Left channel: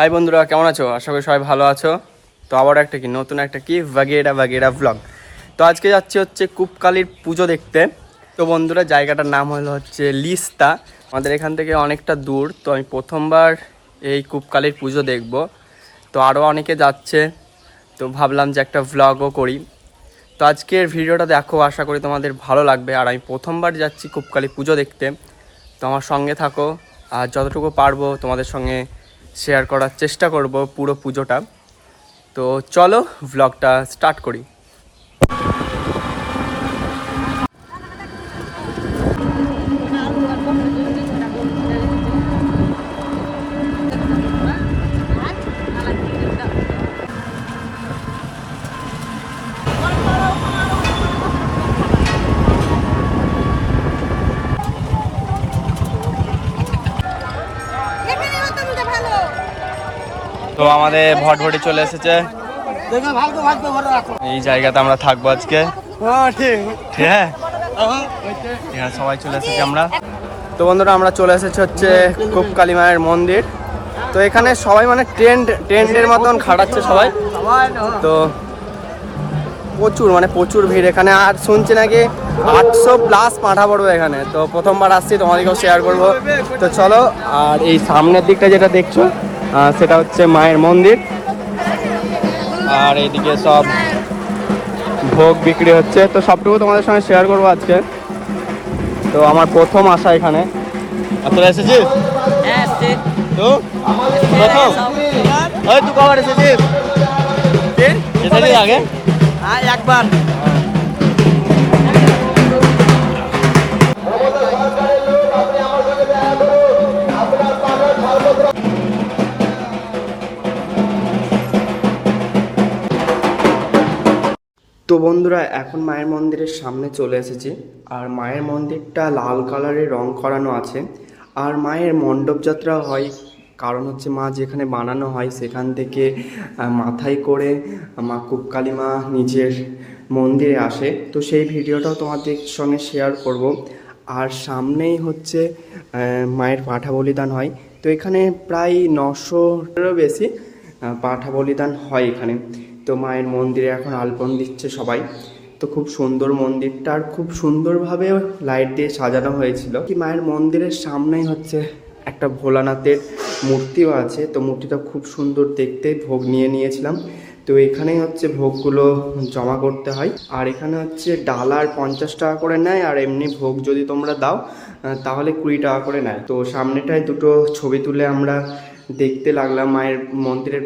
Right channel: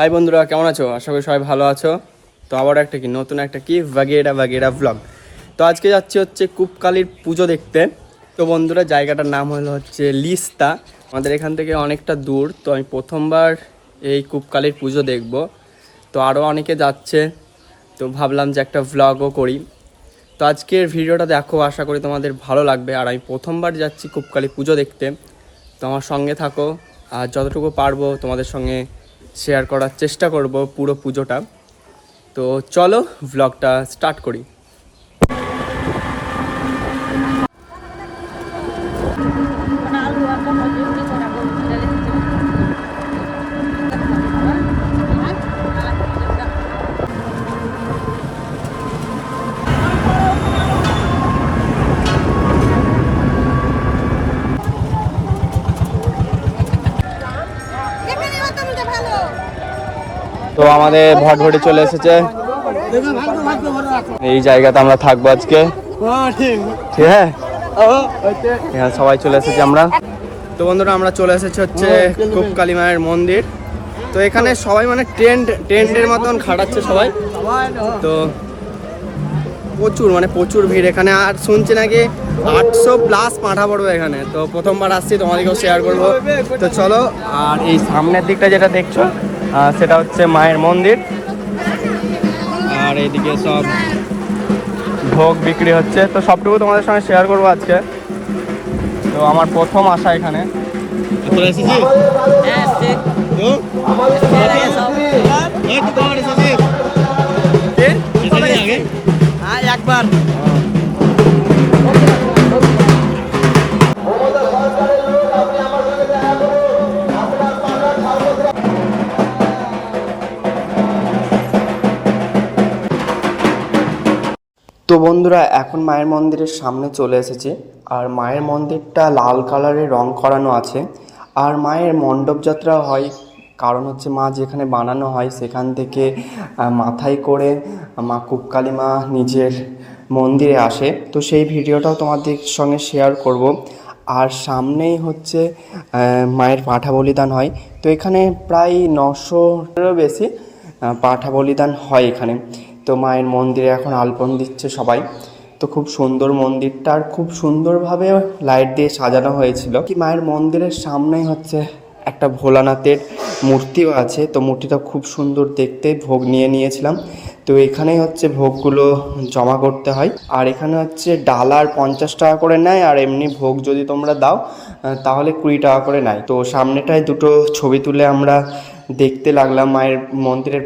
High বন্ধুরা, কেমন আছো? আশা করি সবাই ভালো আছো। তো আবার একটা নতুন একটা বাগেরা ব্লগ। তো আজকে যাচ্ছি হচ্ছে কূপকালীর পুজো দেখতে। তো বন্ধুরা, জায়গাটার নাম হচ্ছে লিস্তা। আমাদের এখান থেকে অনেকটা দূর। তো আমি প্রথমবার এই কূপকালীর পুজো দেখব। তো আরও অনেকে যাচ্ছে, তো ভাবলাম যে একটা ভ্লগও করি। তো আজকের ভিডিওটা দেখো, আশা করি তোমাদের ভালো লাগবে। আর আমি প্রথমবার যাচ্ছি কূপকালী পুজো দেখতে, তো আমার সঙ্গে থাকো। আর যতটুকু পারবো তোমাদের সঙ্গে শেয়ার করার চেষ্টা করব পুরো পুজোটা। তো চলো ভ্লগটা স্টার্ট করি। তো আমাদের ভটভটি চলে এসেছে, এই জায়গাতে আমরা থাকবো আজকে। ঠিক হ্যাঁ, সবাই চলে এসেছি আমরা। তো বন্ধুরা, আমরা চলে এসেছি হচ্ছে কূপকালী মায়ের মন্দির। তো এখানে সবাই মানে টেন্টের মতন খাটাচ্ছে সবাই। তো প্রচুর ভিড় এখানে। আর শুনছি নাকি 800+ পাঁঠা পড়বে এখানে। তো প্রথমবার আসছি, তোমাদেরকেও শেয়ার করব। তো চলো। আর এই সামনের দিকটা যেটা দেখছি সেটা হচ্ছে মায়ের মন্দির। আর এইদিকে সব ভোগ বিক্রি হচ্ছে। তো সবটুকু তোমাদের সঙ্গে শেয়ার করবো আজকে। তো আমার প্রথম আসা এখানে। চলে এসেছি তো তুই কবার এসেছিস? আগে একবার। তো বন্ধুরা, এখন মায়ের মন্দিরের সামনে চলে এসেছি। আর মায়ের মন্দিরটা লাল কালারের রং করানো আছে। আর মায়ের মণ্ডপ যাত্রা হয়, কারণ হচ্ছে মা যেখানে বানানো হয় সেখান থেকে মাথায় করে মা কূপকালী মা নিজের মন্দিরে আসে। তো সেই ভিডিওটাও তোমাদের সঙ্গে শেয়ার করব। আর সামনেই হচ্ছে মায়ের পাঁঠা বলিদান হয়। তো এখানে প্রায় 900-এরও বেশি পাঁঠা বলিদান হয় এখানে। তো মায়ের মন্দিরে এখন আলপন দিচ্ছে সবাই। তো খুব সুন্দর মন্দিরটা, আর খুব সুন্দরভাবে লাইট দিয়ে সাজানো হয়েছিল। কি মায়ের মন্দিরের সামনেই হচ্ছে একটা ভোলানাথের মূর্তিও আছে। তো মূর্তিটা খুব সুন্দর দেখতে। ভোগ নিয়েছিলাম। তো এখানেই হচ্ছে ভোগগুলো জমা করতে হয়। আর এখানে হচ্ছে ডালার 50 টাকা করে নেয়। আর এমনি ভোগ যদি তোমরা দাও তাহলে 20 টাকা করে নেয়। তো সামনেটায় দুটো ছবি তুলে আমরা দেখতে লাগলাম। মায়ের মন্দিরের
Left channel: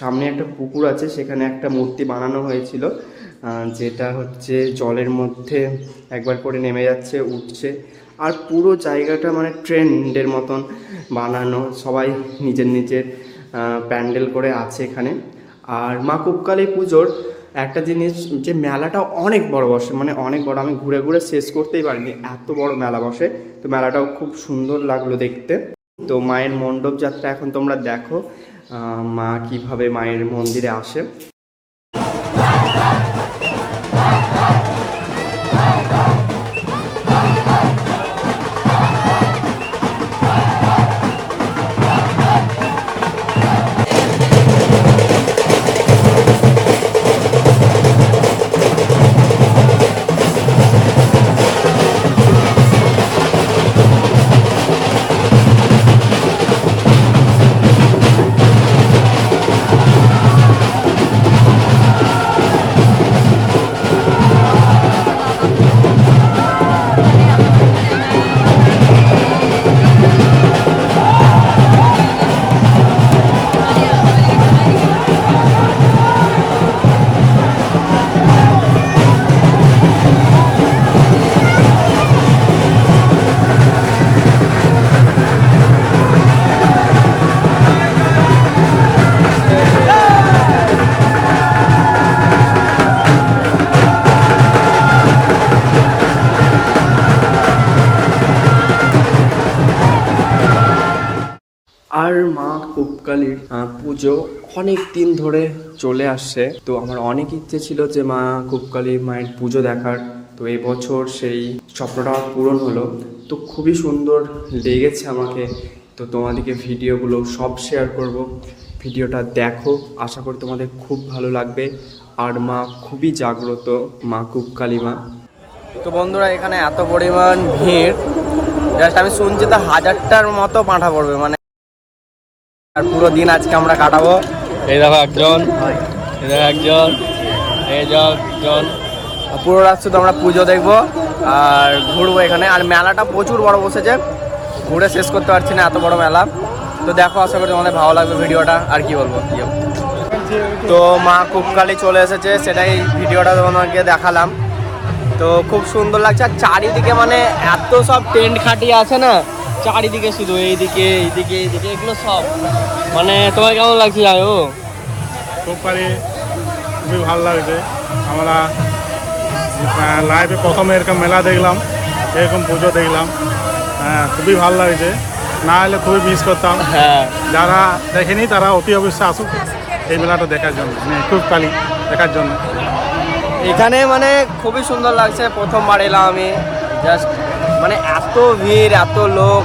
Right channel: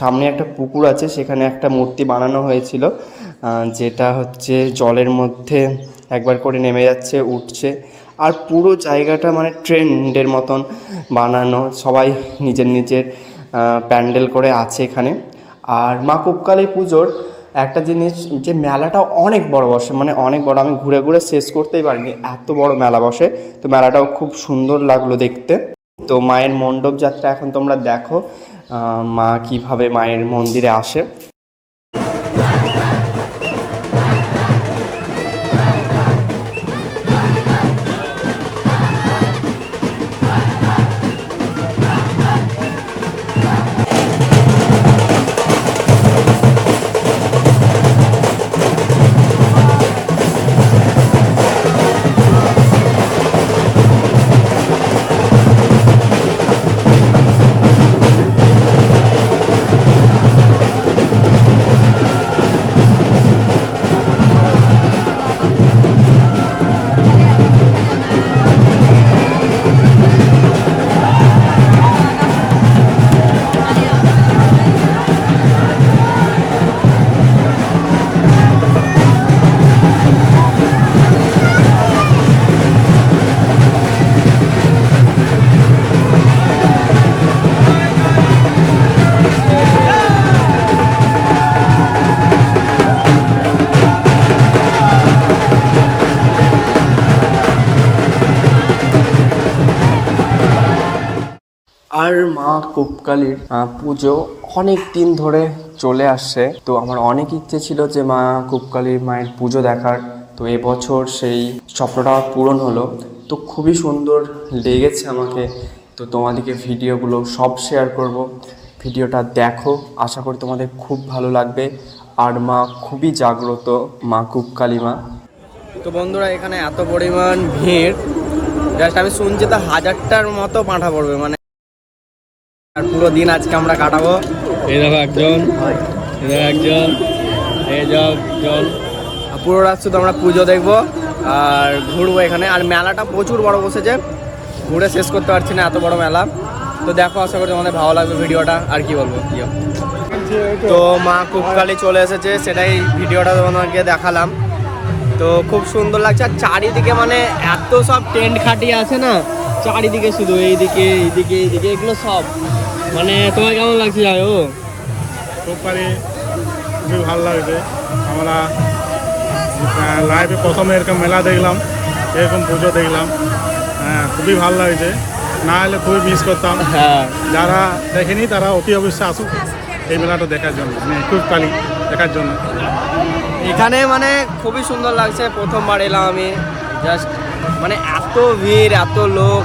সামনে একটা পুকুর আছে, সেখানে একটা মূর্তি বানানো হয়েছিল, যেটা হচ্ছে জলের মধ্যে একবার করে নেমে যাচ্ছে, উঠছে। আর পুরো জায়গাটা মানে ট্রেন্ডের মতন বানানো, সবাই নিজের প্যান্ডেল করে আছে এখানে। আর মা কূপকালী পুজোর একটা জিনিস, যে মেলাটা অনেক বড় বসে, মানে অনেক বড়। আমি ঘুরে ঘুরে শেষ করতেই পারিনি, এত বড় মেলা বসে। তো মেলাটাও খুব সুন্দর লাগলো দেখতে। তো মায়ের মণ্ডপ যাত্রা এখন তোমরা দেখো, মা কিভাবে মায়ের মন্দিরে আসে। আর মা কূপকালীর পুজো অনেক দিন ধরে চলে আসছে। তো আমার অনেক ইচ্ছে ছিল যে মা কূপকালী মায়ের পুজো দেখার। তো এবছর সেই স্বপ্নটা পূরণ হলো। তো খুবই সুন্দর লেগেছে আমাকে। তো তোমাদেরকে ভিডিওগুলো সব শেয়ার করব। ভিডিওটা দেখো, আশা করি তোমাদের খুব ভালো লাগবে। আর মা খুবই জাগ্রত, মা কুপকালী মা। তো বন্ধুরা এখানে এত পরিমাণ ভিড়, জাস্ট আমি শুনছি তো 1000টার মতো পাঁঠা পড়বে, মানে আর পুরো দিন আজকে আমরা কাটাবো। এই দেখো একজন, এই দেখো একজন, এই যাও একজন। পুরো রাত শুধু আমরা পুজো দেখবো আর ঘুরবো এখানে। আর মেলাটা প্রচুর বড় বসেছে, ঘুরে শেষ করতে পারছি না, এত বড় মেলা। তো দেখো, আশা করি তোমাদের ভালো লাগবে ভিডিওটা। আর কি বলবো, তো মা কুপকালী চলে এসেছে, সেটাই ভিডিওটা তোমাদেরকে দেখালাম। তো খুব সুন্দর লাগছে। আর চারিদিকে মানে এত সব টেন্ট খাটিয়ে আছে না, চারিদিকে শুধু এইদিকে এইদিকে এইদিকে, এগুলো সব মানে তোমার কেমন লাগছে যাও? কুপকালী খুবই ভালো লাগছে। আমরা লাইভে প্রথমে এরকম মেলা দেখলাম, এরকম পুজো দেখলাম, হ্যাঁ খুবই ভালো লাগছে। না হলে খুবই মিস করতাম। হ্যাঁ, যারা দেখেনি তারা অতি অবশ্যই আসুক এই মেলাটা দেখার জন্য, মানে কুপকালী দেখার জন্য। এখানে মানে খুবই সুন্দর লাগছে, প্রথমবার এলাম আমি। জাস্ট মানে এত ভিড়, এত লোক,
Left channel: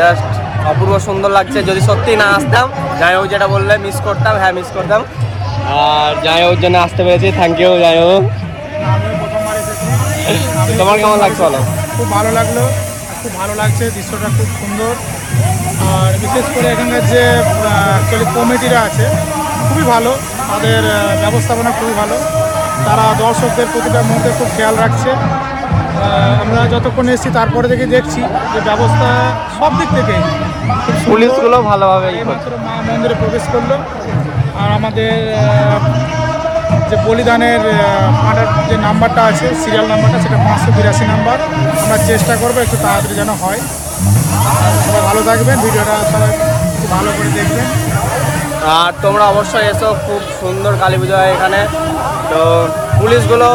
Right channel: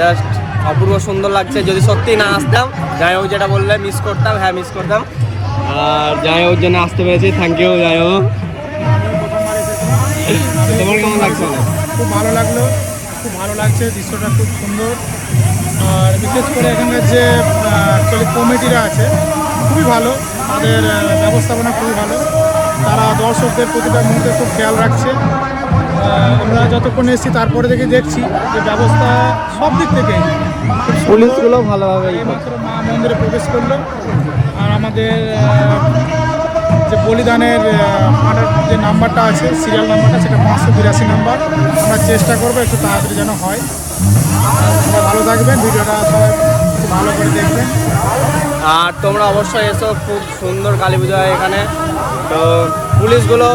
জাস্ট অপূর্ব সুন্দর লাগছে। যদি সত্যি না আসতাম, যাই হোক যেটা বললে মিস করতাম, হ্যাঁ মিস করতাম। আর যাই হোক জন্য আসতে পেরেছি, থ্যাংক ইউ। যাই হোক, তোমার কেমন লাগছে বলো? খুব ভালো লাগলো, খুব ভালো লাগছে, দৃশ্যটা খুব সুন্দর। আর বিশেষ করে এখানকার যে অ্যাকচুয়ালি কমিটিরা আছে খুবই ভালো, তাদের ব্যবস্থাপনা খুবই ভালো। তারা দর্শকদের প্রতিটা মুহূর্তে খুব খেয়াল রাখছে। আমরা যতক্ষণ এসেছি তারপরে থেকে দেখছি যে ব্যবস্থা সব দিক থেকে, পুলিশগুলো ভালোভাবে মাত্র মা মন্দিরে প্রবেশ করলো। আর আমাদের যে বলিদানের পাঁঠার যে নাম্বারটা আছে, সিরিয়াল নাম্বারটা, সেটা 582 নাম্বার। আমরা চেষ্টা করবো একটু তাড়াতাড়ি যেন হয়। সবাই ভালো থাকবেন, ভিডিওটা সবাই খুব ভালো করে দেখবেন। আর তোমরা অবশ্যই এসো, খুব সুন্দর কালী পুজো হয় এখানে। তো পুলিশগুলো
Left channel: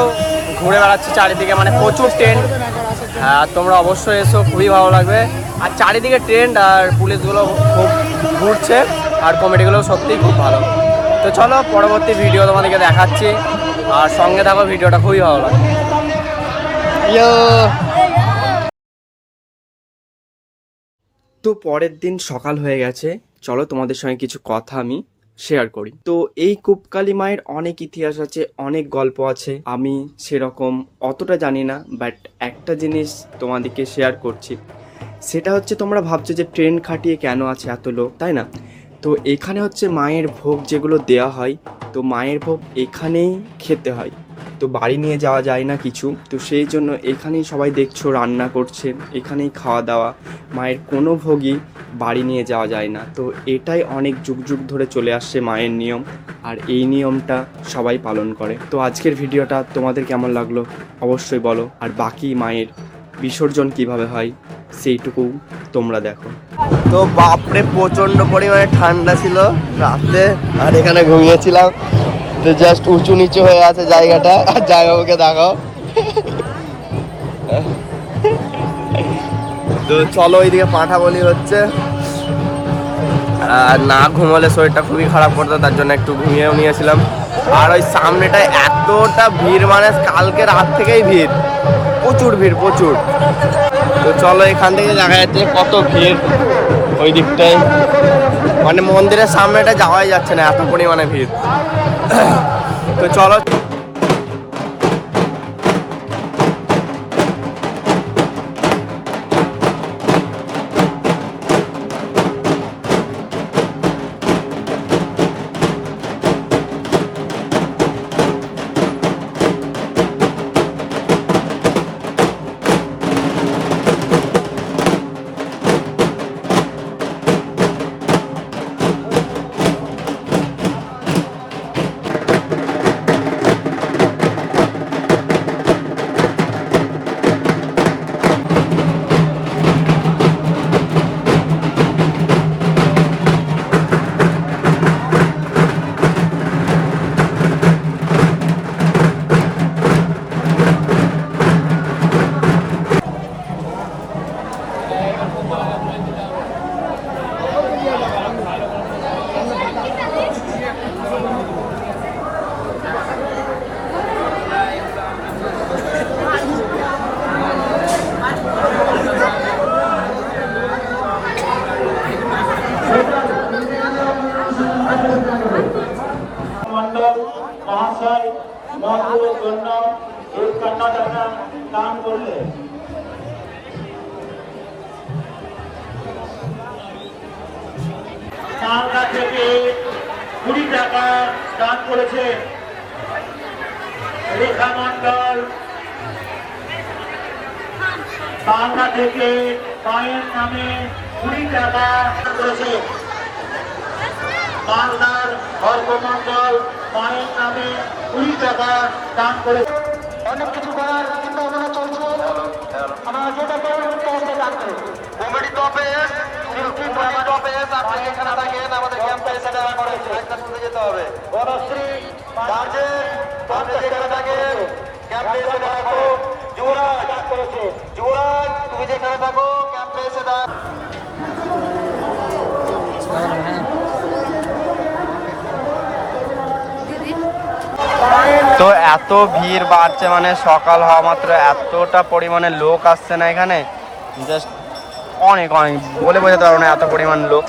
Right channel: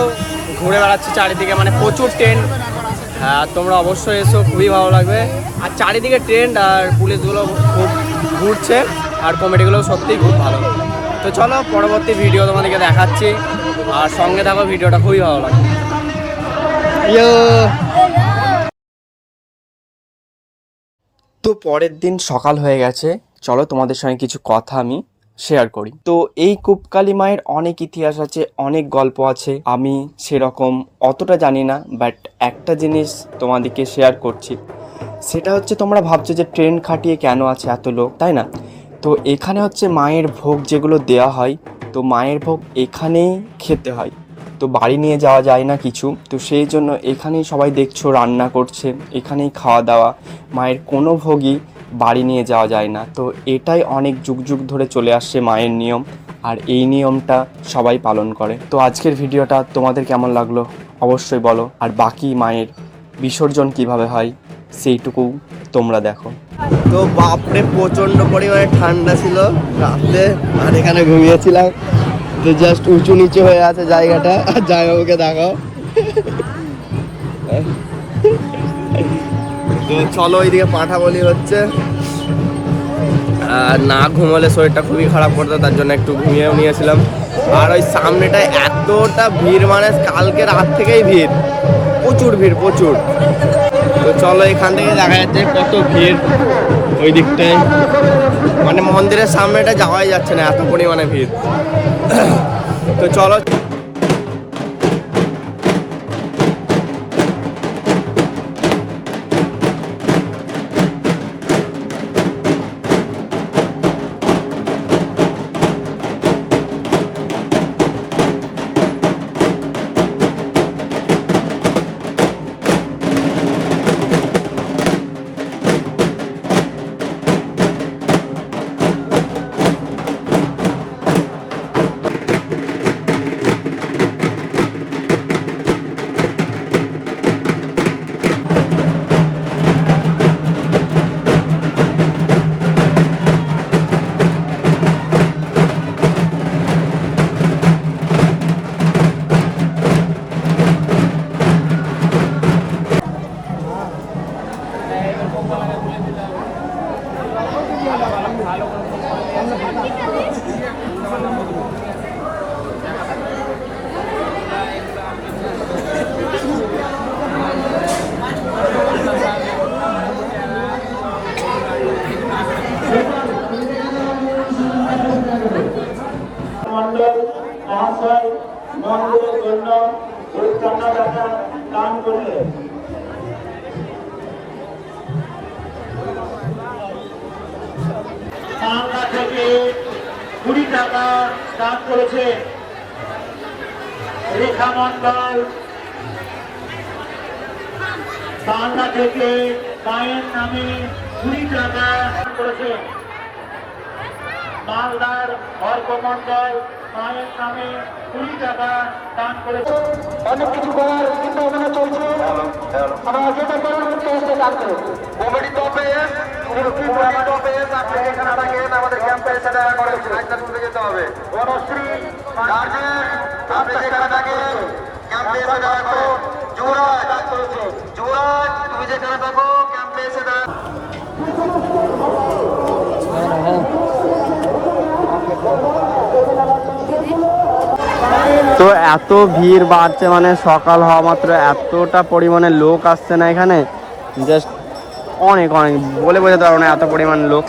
ঘুরে বেড়াচ্ছে চারিদিকে, মানে প্রচুর টেন্ট। হ্যাঁ, তোমরা অবশ্যই এসো, খুবই ভালো লাগবে। আর চারিদিকে টেন্ট আর পুলিশগুলো খুব ঘুরছে, আর কমেডিগুলো সত্যিই খুব ভালো। তো চলো পরবর্তী ভিডিও তোমাদেরকে দেখাচ্ছি, আর সঙ্গে থাকো, ভিডিওটা খুবই ভালো লাগবে। তো পরের দিন সকাল হয়ে গেছে, চলো তোমাদের সঙ্গে কিছু কথা আমি শেয়ার করি। তো এই কুপকালী মায়ের অনেক ইতিহাস আছে, অনেক গল্প আছে। আমি সেরকম অতটা জানি না, বাট একটা জিনিস তোমাদেরকে শেয়ার করছি। সেটা হচ্ছে, তোমরা ভাবছো যে ট্রেন খাটিয়ে কেন আছে এত লোক, তাই না? তো এখানে হচ্ছে মায়ের ভোগ যেগুলো দেওয়া হয়, তো মায়ের ভোগ এখানেই খেতে হয়। তো বাড়ি নিয়ে যাওয়া যায় না কিছু, তো সেই জন্য এখানেই সবাই দেখছো রান্না করছে, এখানেই খাওয়া দাওয়া। মায়ের কোনো ভোগই বাড়ি নিয়ে যাওয়া যায় না। তো এটাই অনেক যুগ যুগ ধরে চলে আসছে মায়ের নিয়ম, আর এই নিয়মটা সবাই পালন করে। তো আজকের ভিডিওটা তোমাদের কেমন লাগলো অবশ্যই বলো। আর বাকি মায়ের বিসর্জন কিভাবে হয় সেইটুকু তোমরা দেখো। তো বাপরে প্রচণ্ড পরিমাণে ঠান্ডা ছিল রাতে, আর এখানে ঘুমিয়েছিলাম। তো জাস্ট উঁচু নিচু হয়ে আছে জায়গাটা। আর জায়গাকে দেখাও। তো চলো ওইদিকে পাঁঠা বলি হচ্ছে। আর না ঘুমালে শরীরটা খুবই খারাপ করতো, তার জন্য একটু ঘুমিয়েও নিয়েছিলাম। আর ওই সামনেটায় এতটা ভিড়, মানে কালকে রাত থেকেই ভিড়, প্রচুর ভিড়, প্রচুর। তো চলো এখান থেকে দেখা যাচ্ছে কত ভিড় ওই দিকটায়, মানে মন্দিরের সামনেটা যাওয়াই যাচ্ছে না, এত পরিমাণে ভিড়। তো চলো। টাকা দান করেছে। রেখা মন্ডল বাংলা থেকে মায়ের নামে 20 টাকা দান করেছে। মালদার হরকমন্ডল মায়ের নামে 20 টাকা দান করেছে। অনেক কিছু করার চিন্তা ভাবনা চলছে। আমরা যেটা করুন দান করুন। কমিটি তো পেস, আপনি যেখানে থাকেন আমাদের ক্যাম্পে এসে দেখা করে যেতে হবে। বনশ্রী গার্জেন, আপনি যেখানে থাকেন ক্যাম্পে এসে দেখা করে। যুবরাজ তুমি যেখানে থাকো ক্যাম্পে এসে দেখা। তো এত ভিড় বাড়ছে, মানে সকাল হওয়া মাত্র এতটা পরিমাণে লোক আসছে না এখানে, জাস্ট অনেক অনেক বলে বোঝাতে পারবো না এত পরিমাণ লোক।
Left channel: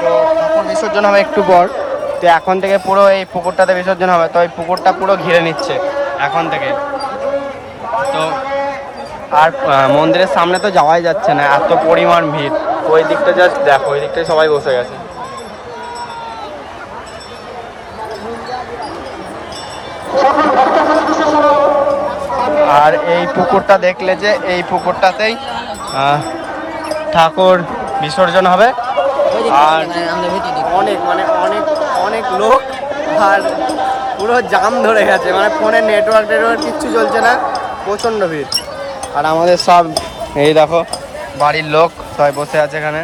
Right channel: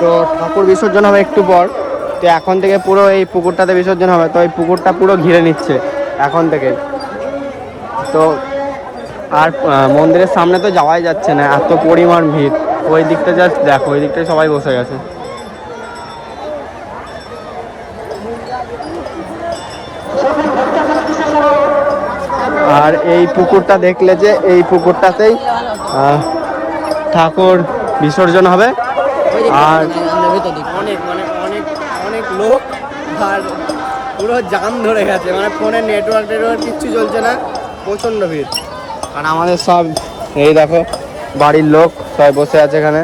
তো ঠাকুর বিসর্জন হবে একটু পর, তো এখন থেকে পুরো এই পুকুরটাতে বিসর্জন হবে। তো এই পুকুরটা পুরো ঘিরে নিচ্ছে এখন থেকে। তো আর মন্দিরের সামনে তো যাওয়াই যাচ্ছে না, এত পরিমাণ ভিড়। ওই দিকটা জাস্ট দেখো, ওই দিকটায় সবাই বসে গেছে। আর এই পুকুরটা দেখলে যে এই পুকুরটাতেই ঠাকুর বিসর্জন হবে। আর অনেক মানে অনেক অনেক লোক, আর পুরো জাম ধরে গেছে, মানে ফোনের নেটওয়ার্ক কিচ্ছু চলছে না, প্রচণ্ড ভিড়। আর আমাদের সব এই দেখো বাড়ির লোক সবাই বসে আছে এখানে।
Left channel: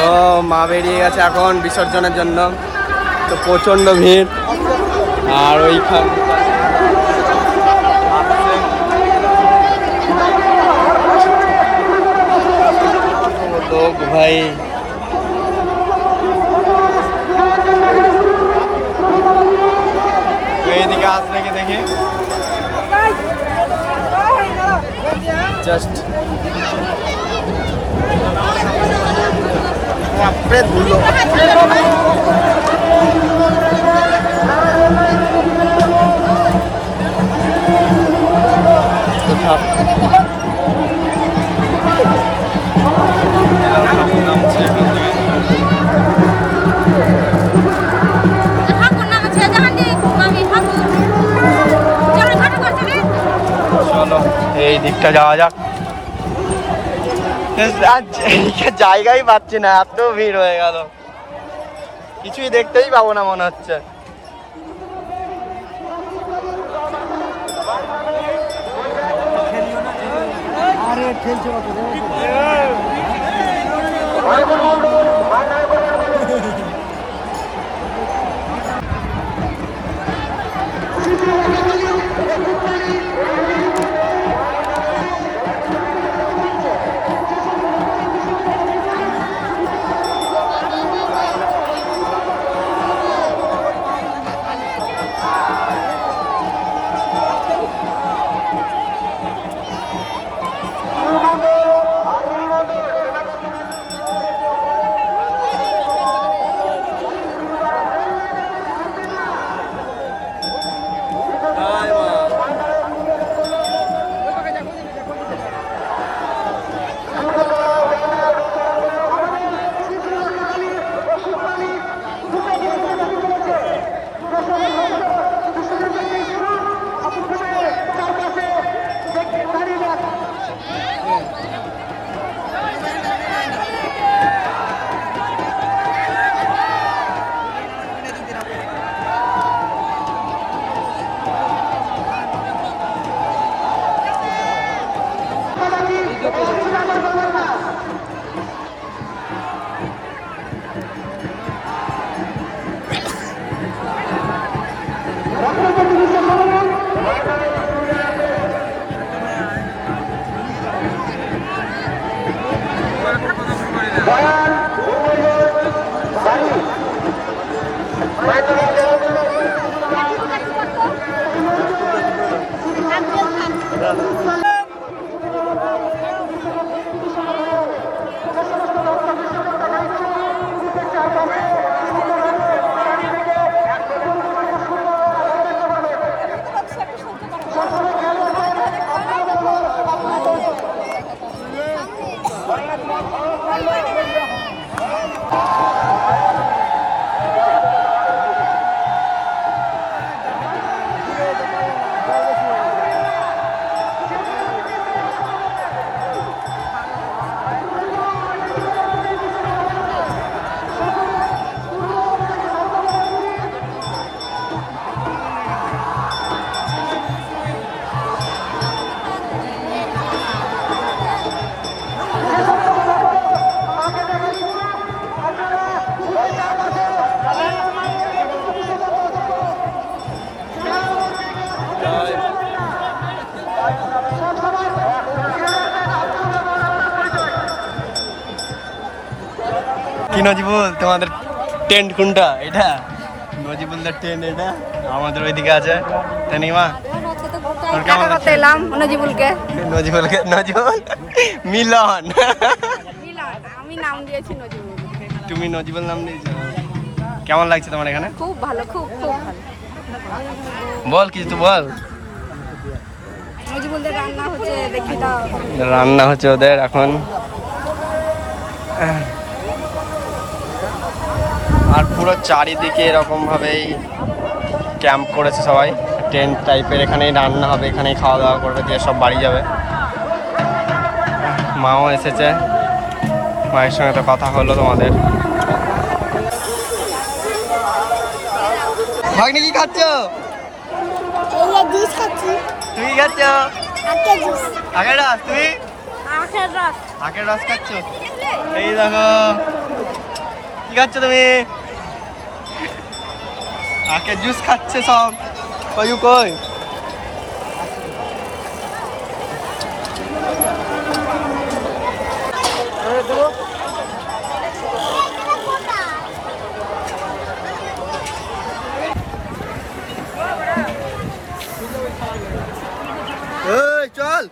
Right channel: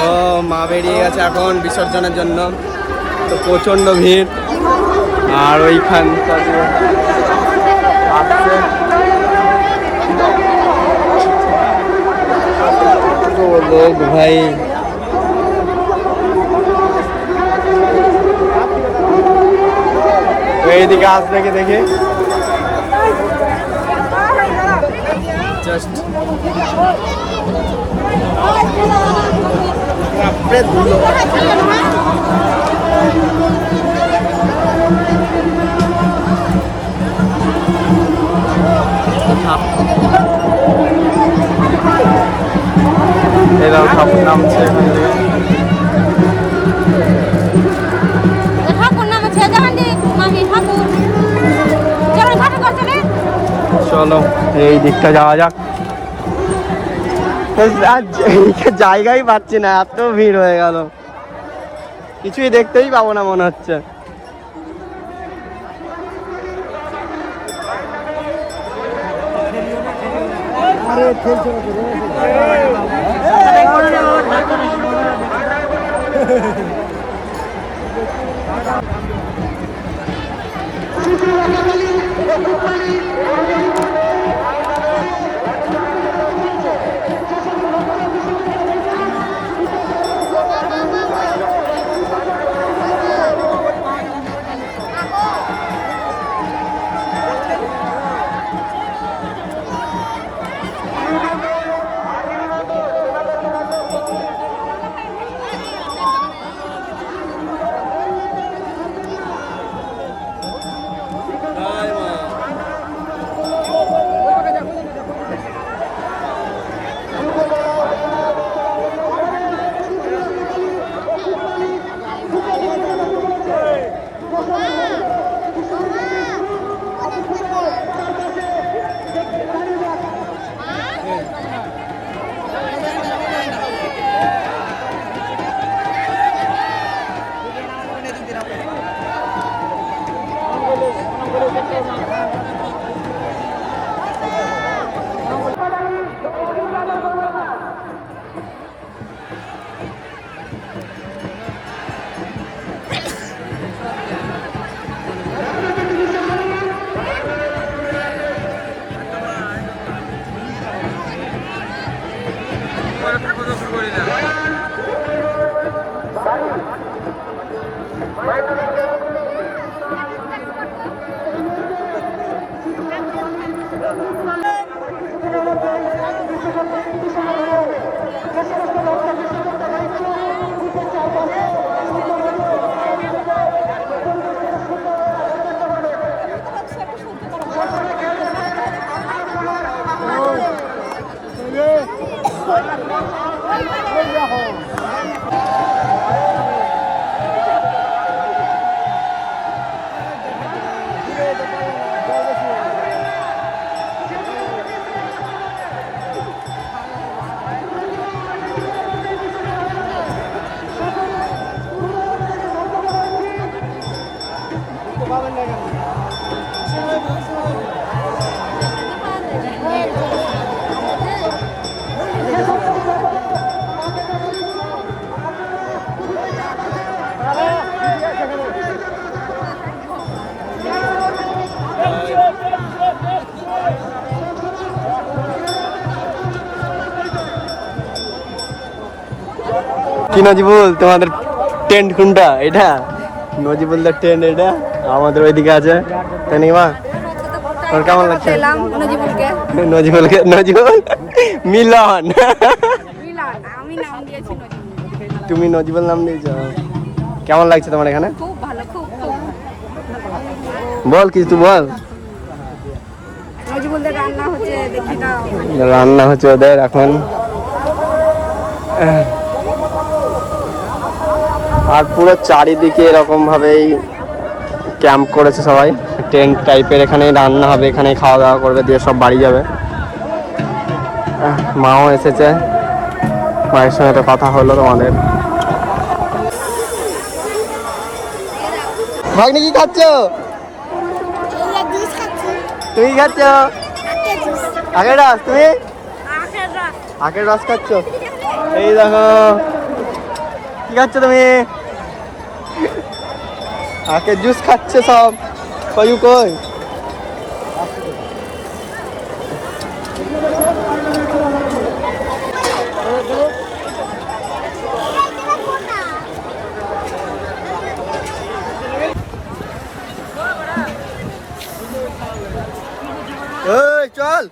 তো মা বেরিয়ে গেছে এখন বিসর্জনের জন্য। তো প্রচন্ড ভিড়। আর ওইখান লোক ভাই, এইদিকে আস নাকি দেখি। জাস্ট বাপরে ধুলো। সব নামছে এখান থেকে। চলো এই দিকটা যাওয়া যাক। জায়গাই পাচ্ছি না, এত ভিড় হয়ে গেল, কিছুই দেখতেই পাবো না মনে হচ্ছে। আরে খেলছে কত রে। কি নজিবুল, তোমাদের টেন্ট কোনটা? এটা নজিবুলদের টেন্ট, এটা আমাদের ওইদিকে আছে। তানিমা, তোর কেমন লাগছে? নজিবুল মিলন, আমি নাম দিয়েছি নজিবুল। তুমি নজিবুল নাম দিয়েছো। কেমন লাগছে তোমার এখানে? খুব ভালো, খুব খুব বল কিছু, তুই বল। নজিবুলদের রান্না হচ্ছে, দেখি দাও। রান্না হচ্ছে ওদের এখন। আর পুরো চারিদিকে এরকম ভাবেই ক্যাম্প করেছে সবাই, টেন্ট টাইপের। এখানেই রান্না হবে, এখানেই খাওয়া দাওয়া করবে, দিয়ে সব বাড়ি যাবে। মাও এসেছে, মায়ের সঙ্গে তো কথা হলো তোমাদের। ভাগ্নি কি খাচ্ছ? তুমি খাচ্ছ আখের রস? তুমি আখের রস খাচ্ছ? এই দেখো কি খাচ্ছ তুমি? আখের জুস খাচ্ছে সব। কই কই চল।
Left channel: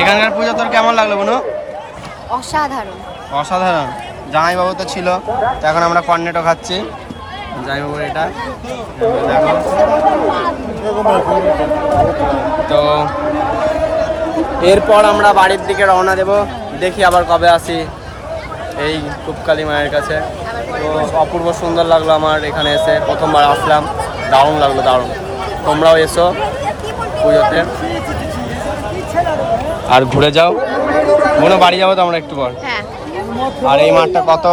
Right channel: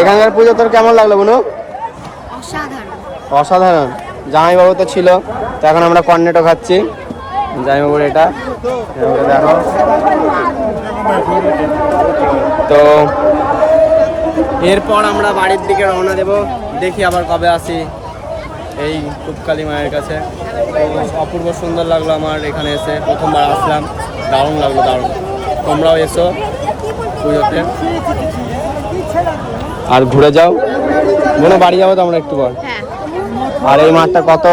এখানকার পুজো তোর কেমন লাগলো বোনো? অসাধারণ। অসাধারণ। জামাইবাবু তো ছিল, তো এখন আমরা কর্নেটো খাচ্ছি। জামাইবাবুর এটা দেখো। তো এরপর আমরা বাড়ির দিকে রওনা দেব, দেখি আবার কবে আসি এই কুপকালী মায়ের কাছে। তো অপূর্ব সুন্দর লাগলো আমার এখানে এসে, প্রথমবার আসলাম, দারুণ লাগলো, দারুণ। তোমরাও এসো পুজোতে আর ঘুরে যাও। মনে বাড়ি যাবো তো আমরা একটু পর। হ্যাঁ, আর এই মাঠটা কত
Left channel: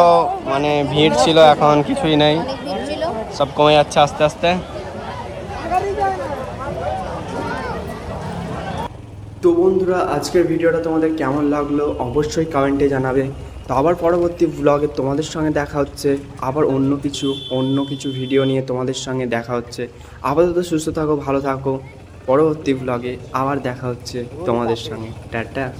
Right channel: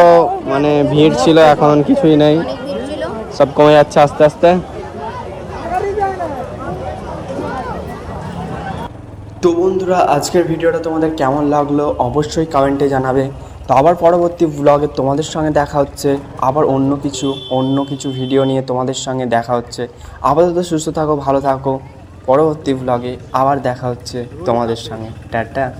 মানে ভিড় ছিল, এখন কিছুই নেই, অনেক ভিড় ছিল। সব কমে যাচ্ছে আস্তে আস্তে। তো বন্ধুরা, আজকের ভিডিওটা তোমাদের কেমন লাগলো অবশ্যই কমেন্টে জানাবে। তো আবার পরবর্তী ব্লগে তোমাদের সঙ্গে দেখা হচ্ছে, আবার অন্য কিছু ভিডিও নিয়ে তোমাদের সঙ্গে দেখা হচ্ছে। আপাতত সুস্থ থাকো, ভালো থাকো। পরবর্তী ব্লগে আবার দেখা হচ্ছে তোমাদের সঙ্গে। টাটা।